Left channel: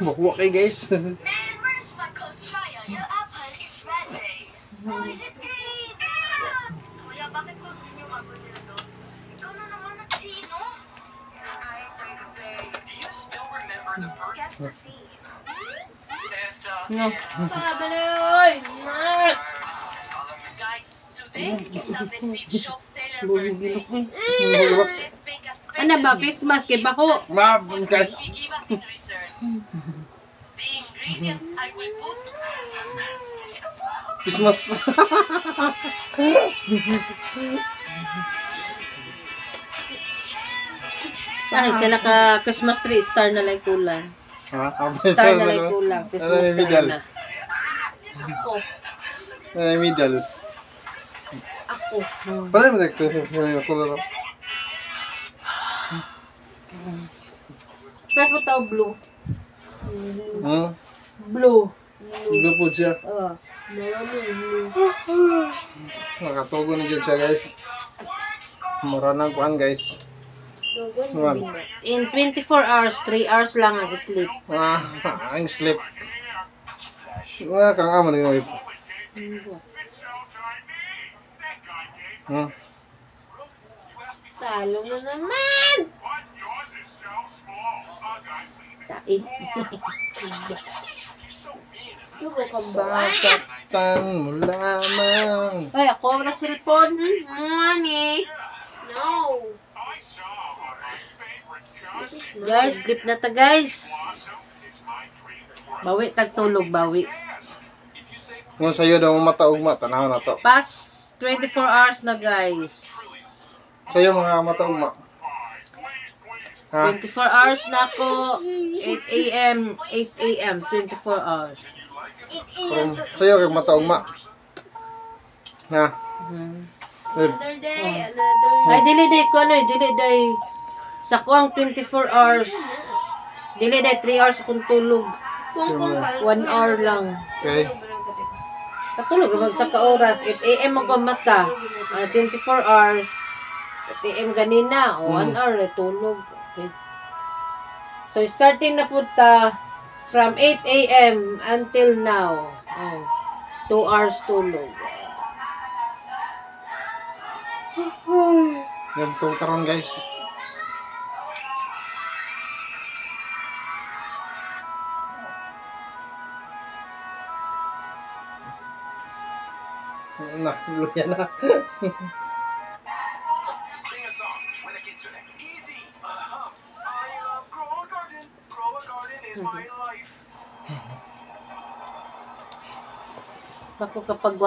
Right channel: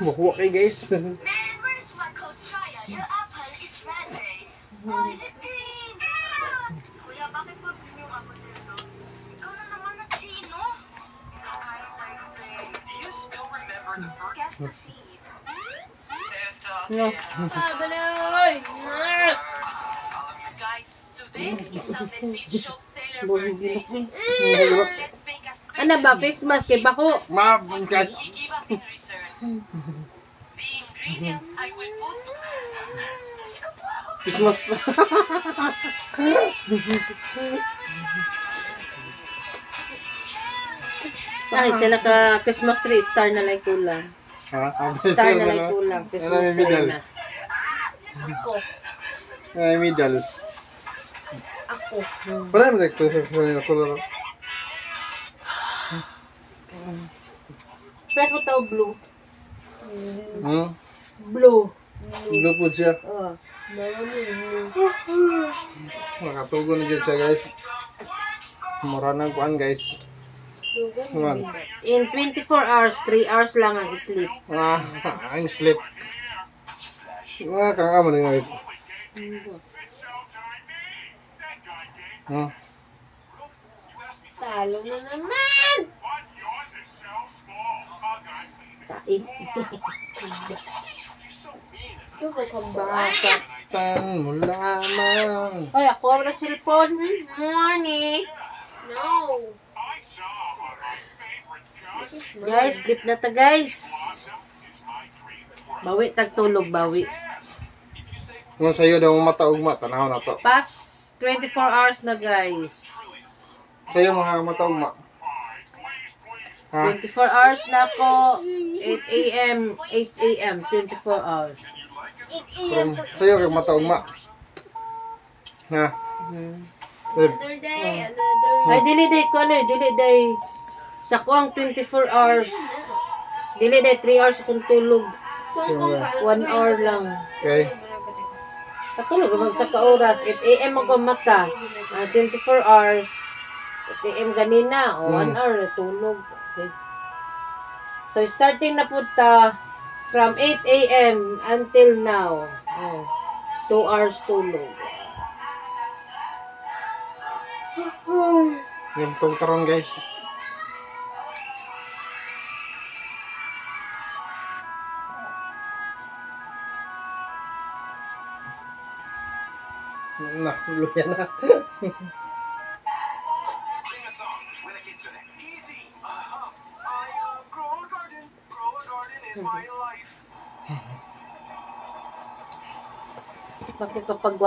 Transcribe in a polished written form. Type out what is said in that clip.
Buhok kayo guys. No. Pabaloy! Nak! Ano ba? Face mask kay bako? Mabungkat. Christmas. Ay, sila ka Christmas tree, star na lang kulang. Star na lang kulang, Christmas tree na. Ako. Ay, middle. Ako. Parang mo dito sa kularo. Press mo tao blue. Blue Blue. po siya. Blue. Nakatugo na dyan siya guys. Maranang kuan guys. In 24 hours, 3 hours lang ang sleep. Ang sleep. Kang amo na yun. Talo na naman! Kain. Sasaktan mo lamang. Ay, ako ang cellphone. Money. No. Guys, sleep na ta guys. Bawi, tagtulog, bawi. Kung sa'yo daw mataugma, tanaw na to. Past 24 hours na guys. Sa'yo mga mataugma. 24 hours na ako. 8 a.m. 8 a.m. 24 hours. Sa'yo kay mataugma. Ha? Another day, Ay, dili day ko ano, dili day. Sa ko ang 24 hours. Dili day 3 hours akong tulog. 1 hour lang. Okay. Katulog naman sa ka-oras. 8 a.m. ako mata. 24 hours. 8 a.m. ganina. O 1 hour tulog. Okay. So, starting na po ta from 8 a.m. until now. 2 hours tulog. Yung tong karon guys. Na, luya na. Ako kapag